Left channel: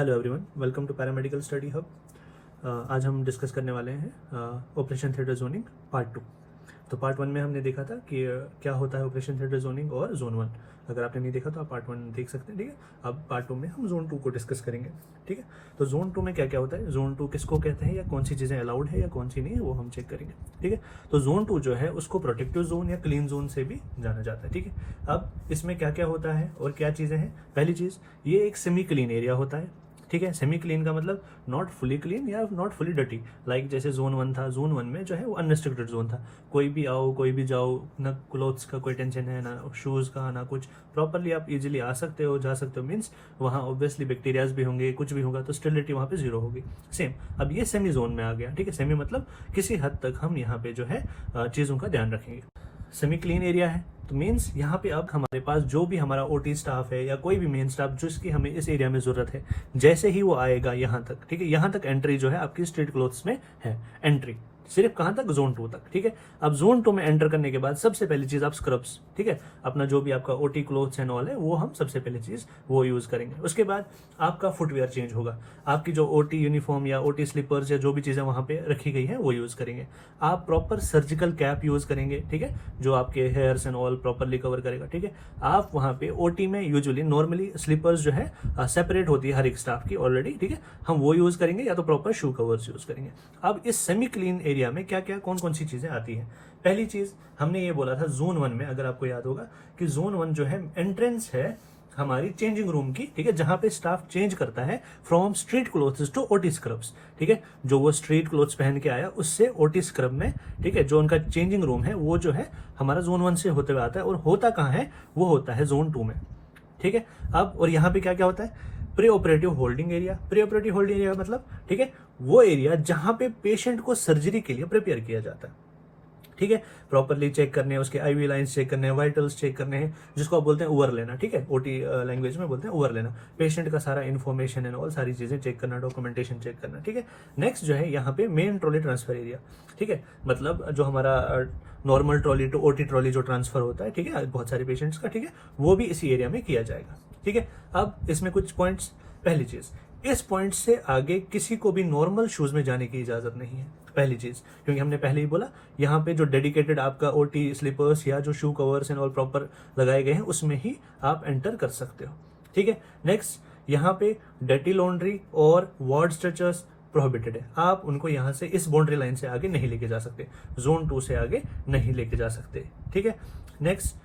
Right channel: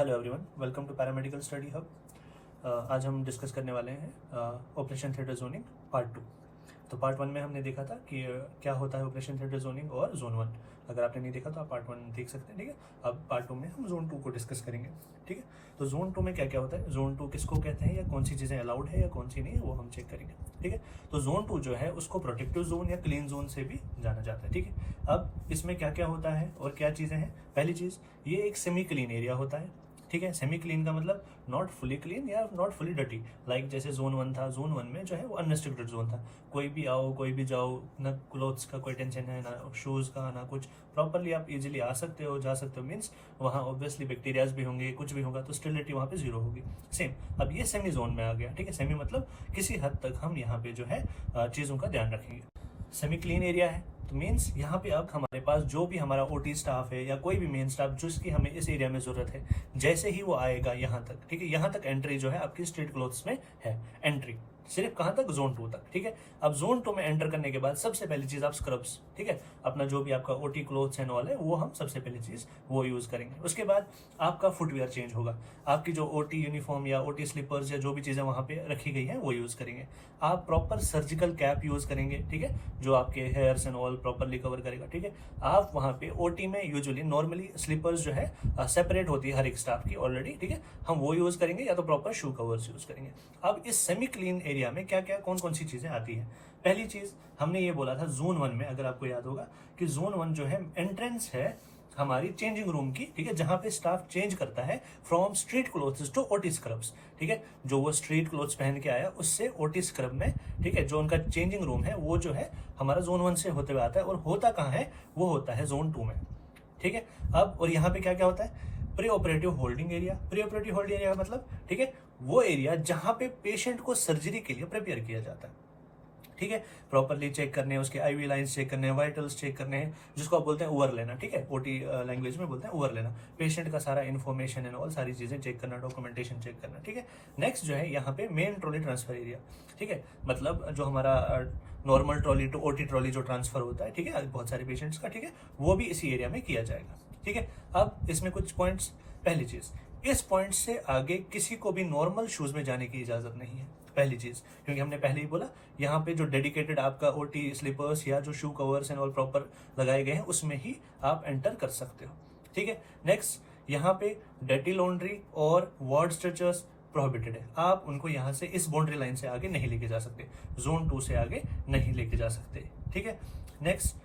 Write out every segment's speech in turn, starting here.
Hello everyone, welcome to paramedical study hub. आज हम discuss करने वाले हैं ऑपरेशन थिएटर जोनिंग पार्ट 2। तो पार्ट 1 में हमने देखा था कि क्या होता है ऑपरेशन थिएटर जोनिंग और जोन 1। अगर आपने नहीं देखा तो आप पार्ट 1 देख सकते हैं, ठीक है। अब पार्ट 2 में हम जोन 2 को डिस्कस करेंगे, ठीक है। तो जोन 2 में क्या क्या होता है, जोन 2 किसको कहते हैं, या कौन सी चीज़ें अलाउड है या कौन सी नहीं है, वो हम चेक करेंगे, ठीक है। तो जोन 2 जो है उसको प्रोटेक्टिव जोन या क्लीन जोन से भी जाना जाता है, ठीक है। अब इसमें क्या क्या होता है और क्या चीज़ें हैं। पहली चीज़, ये एक सेमी क्लीन एरिया होता है, ठीक है। सेमी क्लीन का मतलब नॉट फुली क्लीन या नॉट फुली डर्टी। लाइक जैसे जोन 1 था, जोन 1 में जो है वो अनरिस्ट्रिक्टेड जोन था, कोई भी आओ कोई भी जाओ, ना क्लोथ्स का कोई टेंशन है, ना शूज़ का, ना कुछ। प्रॉपरली आप इजीली आ सकते हो, जा सकते हो। मीन्स वहाँ ऑब्वियसली बैक्टीरियाज भी होंगे, कुछ भी होगा, तो स्टेरिलिटी वहाँ पे जीरो होगी। सेम अब ये सेमी जोन में आ गया, ठीक है। सेमी मतलब किसी हद तक हम यहाँ पे जो है चीज़ों का ध्यान रखेंगे। सेमी क्लीन एरिया है तो मीन्स यहाँ पे अब हमारे पास जो भी हमारा ओटी स्टाफ है या कोई भी मेन स्टाफ जिसकी हमें इस एरिया में ज़रूरत है, जैसे ही वो आएगा यहाँ तक, ठीक है, यहाँ तक एंट्री जो है आपकी स्ट्रीट क्लोथ्स में है। एंट्री सिर्फ कहाँ तक, जोन 2 तक, ठीक है। अब जोन 2 में एंटर करने के बाद सबसे पहली चीज़ आप स्क्रब्स, ठीक है, अपना जो भी आपका ओटी क्लोथ्स एंड ऑल है वो हम सबसे पहली चीज़ वो यूज़ करेंगे। उसके बाद आपका फुटवेयर चेंज होगा, आपकी जो ओटी यूनिफॉर्म या ओटी स्लीपर्स या जो भी चीज़ें वहाँ पे रखी गई हैं वो यूज़ करेंगे। आप प्रॉपर सर्जिकल कैप यूज़ करेंगे, ठीक है, जो आपके hairs and all properly cover करेगा, ठीक है। आप वहाँ पे ओटी में यूजुअली नॉर्मली स्लीपर्स जो है सेपरेट होती है हर एक स्टाफ की ऑलरेडी, ठीक है, हम वो यूज़ करेंगे या तो प्रॉपर शू कवर्स यूज़ करेंगे। अब इस सेमी क्लीन एरिया में क्या क्या कौन कौन सी चीज़ें आती हैं। पहली चीज़ हमने ये बोला था जोन 1 में, अगर आपको याद होगा कि जोन 1 जो है एंट्रेंस है हमारी चेंजिंग रूम की, ठीक है, जहां पे स्टाफ चेंज करता है from street clothes to OT scrubs, ठीक है। जो वो स्ट्रीट क्लोथ्स पहन के आया उससे ओटी स्क्रब में, ठीक है, जो उनका चेंजिंग रूम है वो जो है हमारा जोन 1 से होते हुए आता है, और होता कहाँ है, वो होता है जोन 2 में, ठीक है। अब और यहाँ पे क्या क्या होता है, pre operative holding area. Pre operative holding area का मतलब, ठीक है, वो एरिया जहां पे पेशेंट को सर्जरी के लिए प्रिपेयर किया जाता है, ठीक है। प्रॉपरली चेक करने हैं, उसके आईवी लाइंस चेक करने हैं, वाइटल्स चेक करने हैं, जिसको आप बोलते हैं ओवर लेना, ठीक है, ओटी लैंग्वेज में बोलते हैं ओवर लेना। पेशेंट का सारा इन्फॉर्मेशन एंड ऑल सारी चीजें चेक करना, डॉक्यूमेंटेशन चेक करना, ठीक है। नेक्स्ट जो है यहाँ पे मेन ट्रॉली ट्रांसफर एरिया, ठीक है, मतलब जो हमारा normal trolley to OT trolley जो ट्रांसफर होता है, ठीक है, बहुत सारे पेशेंट्स का, ठीक है, वो भी इसी एरिया में किया जाएगा, ठीक है। अब इसमें कुछ पॉइंट्स, पहली चीज, इस पॉइंट से आगे किसी को भी नॉर्मल शूज में जाने की इजाजत नहीं है, पहली चीज, क्योंकि हमने पहले ही बोला यहाँ पे जो डेडिकेटेड आपका ओटी स्लीपर्स या जो शू कवर्स एंड ऑल प्रॉपर लगाए गए हैं उसमें ही आप एंटर कर सकते हो, ठीक है। नेक्स्ट, यहाँ पे डर्टी लॉन्ड्री और वार्ड स्ट्रेचर्स प्रोहिबिटेड है, आप उनको यहाँ से इस बाउंड्री लाइन से आगे नहीं लेके जा सकते, जोन 2 से आगे नहीं लेके जा सकते, ठीक है। नेक्स्ट,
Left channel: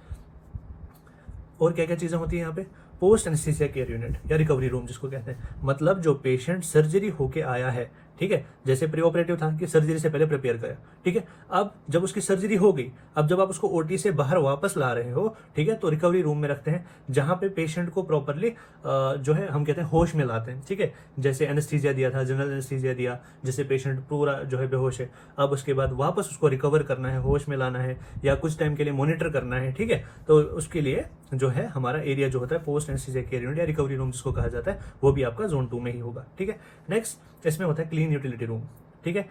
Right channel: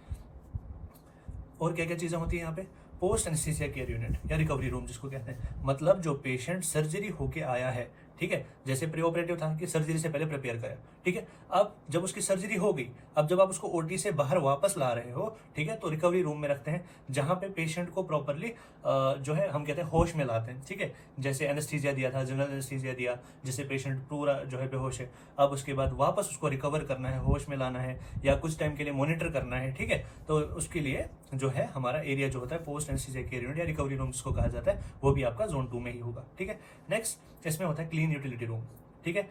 और क्या क्या चीजें होती है यहाँ पे, पोस्ट एनेस्थीसिया केयर यूनिट या रिकवरी रूम जिसको कहते हैं, मतलब जो पेशेंट सर्जरी होके आया है, ठीक है, जैसे प्री ऑपरेटिव था कि सर्जरी से पहले प्रिपेयर करा, ठीक है, अब जब उसकी सर्जरी हो गई, अब जब आप उसको ओटी से बाहर वापस ला रहे हो, ठीक है, तो रिकवरी रूम में रखते हैं जहां पे पेशेंट को प्रॉपरली जो है हम कहते हैं होश में लाते हैं, ठीक है। जैसे एनेस्थीसिया दिया था, जनरल एनेस्थीसिया दिया, जिससे पेशेंट पूरा जो है बेहोश है, अब उसके बाद वापस उसको रिकवर करना है, होश में लाना है या कुछ टाइम के लिए मॉनिटर करना है, ठीक है, तो उसके लिए जो है हमारा एरिया जो होता है पोस्ट एनेस्थीसिया केयर यूनिट या रिकवरी रूम जिसको कहा जाता है, वो भी आपका जोन 2 में ही होगा, ठीक है। नेक्स्ट, इसमें होता है क्लीन यूटिलिटी रूम, ठीक है।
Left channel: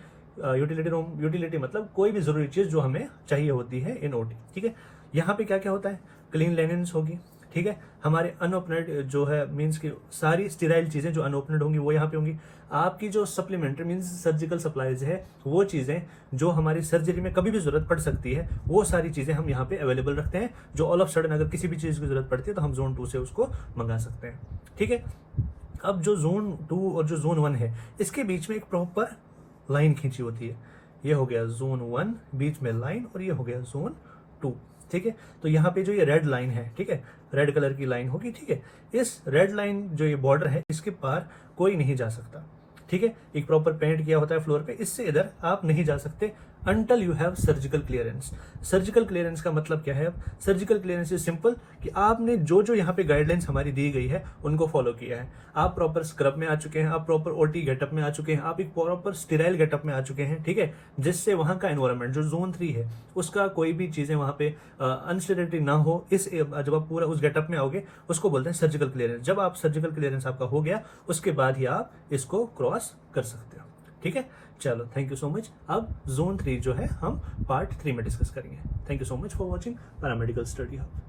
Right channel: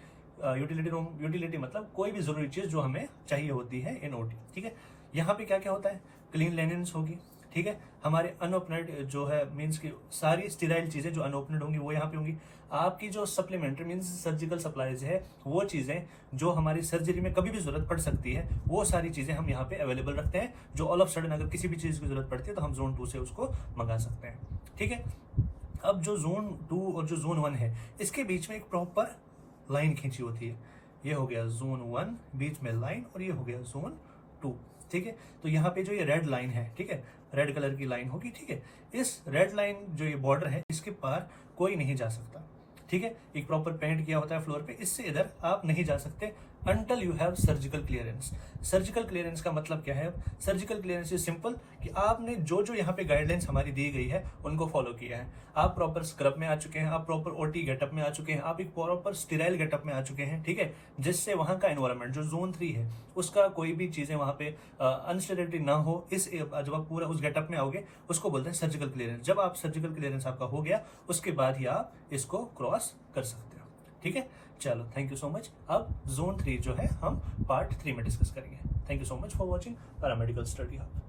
यूटिलिटी रूम, यूटिलिटी मतलब कोई भी जरूरी चीज जो हमें चाहिए होती है इन ओटी, ठीक है। यहाँ पे क्या क्या होता है, क्लीन लेनिन्स होगी, ठीक है, हमारे अनओपनेड जो है मीन्स की सारी स्टेराइल चीजें जो अनओपनेड होंगी वो यहाँ पे होंगी। आपकी जो सप्लीमेंट्री मीन्स सर्जिकल सप्लाईज है, वो चीजें जो हमारी सर्जरी में कभी भी जरूरत पड़ सकती है, वो सारी चीजें हम यहाँ पे अवेलेबल रखते हैं, जो ऑल ऑफ सडन अगर किसी भी चीज की जरूरत पड़ती है तो हम जोन 2 से उसको मंगा सकते हैं, ठीक है। अब जो जोन 2 और जो जोन 1 है, इसके बीच में एक प्रॉपर लाइन खींची होती है, ये हो गया जोन 1 बीच में लाइन, और ये हो गया जोन 2, ठीक है। तो यहाँ पे जो ये रेड लाइन है, ठीक है, रेड कलर की लाइन होगी, ठीक है, इस रेड लाइन जो ये बॉर्डर है इसके पार कोई नहीं जा सकता, ठीक है। एक प्रॉपर पेंट किया होता है फ्लोर पे, इससे इधर आप नहीं जा सकते until you have surgical clearance. Surgical clearance का मतलब क्या है, सर्जिकल क्लियरेंस इज सिंपल कि आपने जो जो यहाँ पे गाइडलाइंस हमारी दी गई है उनको फॉलो किया है, आप प्रॉपर स्क्रब में आ चुके हैं, आप प्रॉपर ओटी गेटअप में आ चुके हैं, आप एक प्रॉपर स्टेराइल गेटअप में आ चुके हैं, ठीक है, जिससे वहां का एनवायरमेंट जो जोन 3 है उसका कोई भी चीजें वहां पे अनस्टेरिलिटी ना हो, इस जब आप पूरा उस गेटअप में आओगे उसको बोलते हैं सर्जिकल क्लियरेंस। जब आप सर्जिकल क्लियरेंस आपका हो गया उसके बाद ही आप इसको क्रॉस कर सकते हो, ठीक है। चलो, थैंक यू सो मच। अब जोन 3 जो है हम पार्ट 3 में डिस्कस करेंगे। Thank you so much for watching paramedical study hub.